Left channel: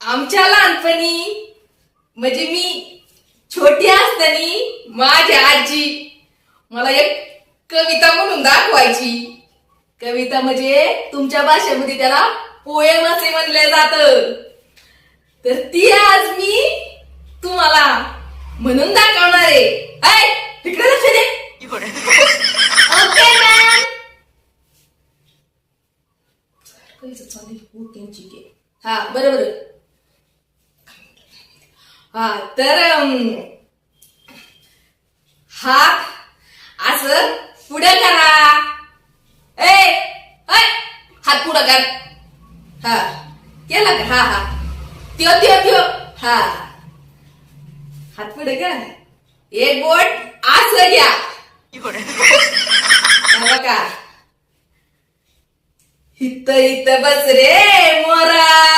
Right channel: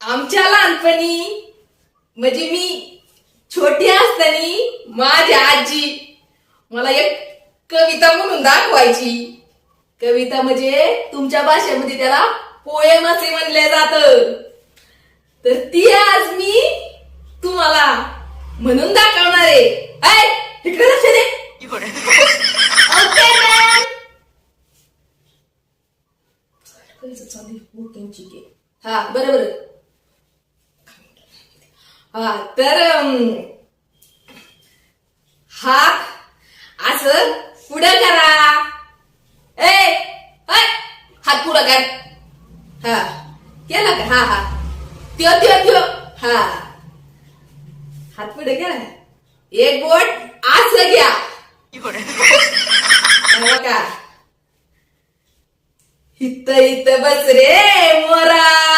आमच्या लहानपणी म्हणजे मी छोटी असताना माझी आजी मला एक कविता म्हणून दाखवायची. कविता म्हणजे तुमच्या भाषेमध्ये त्याला पोएम असे म्हणले जात. तर ती आज मी तुम्हाला म्हणून दाखवणार आहे. तिकडे लक्ष दे. Okay ma'am. हा बरोबर. हा तर हात असं पुढं करा. हात पुढं कर. हा केला का? हा हा त्यो त्यो त्यो. हा हात पुढे करा. एक बोट असं घ्या. का इथं बस रे मोरा.